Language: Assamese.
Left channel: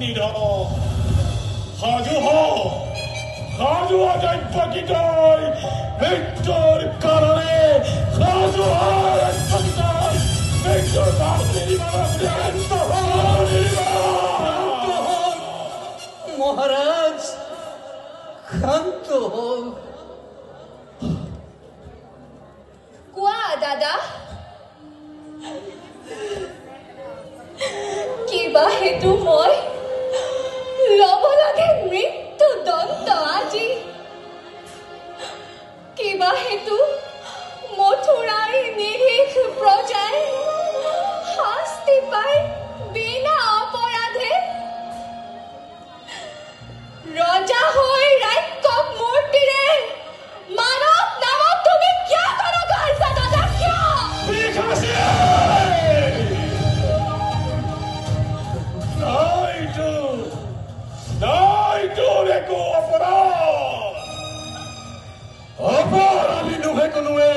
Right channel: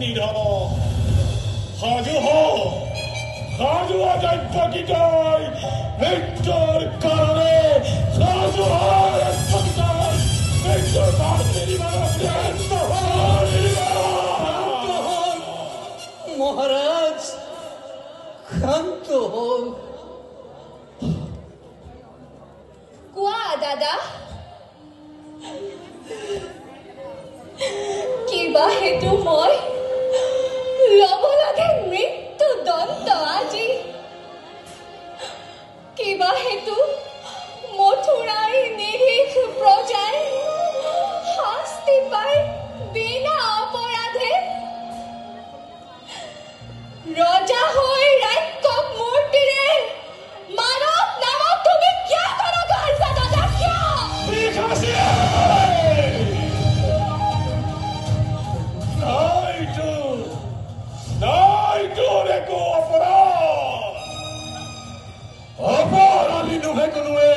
নিধন সাজু সাজু অজৈবকিতই মৃত্যুৰ কাৰণে সাজু মৃত্যুৰ মহাৰাজ ক্ষান্ত হন কোৱা দাদা কিবা হেতু মই ল'ব লাগে মৃত্যু দণ্ড আজি কিবা হেতু মথুৰাৰ নিৰীহ প্ৰজাই শাস্তি পায় বিনা অপৰাধে ৰজা হৈ ৰাক্ষস মূৰ্তিৰে মানৱ নামক তুমি কিয় কৰা গাইছা দাদা কিয় অপৰাধী নুহে কোনো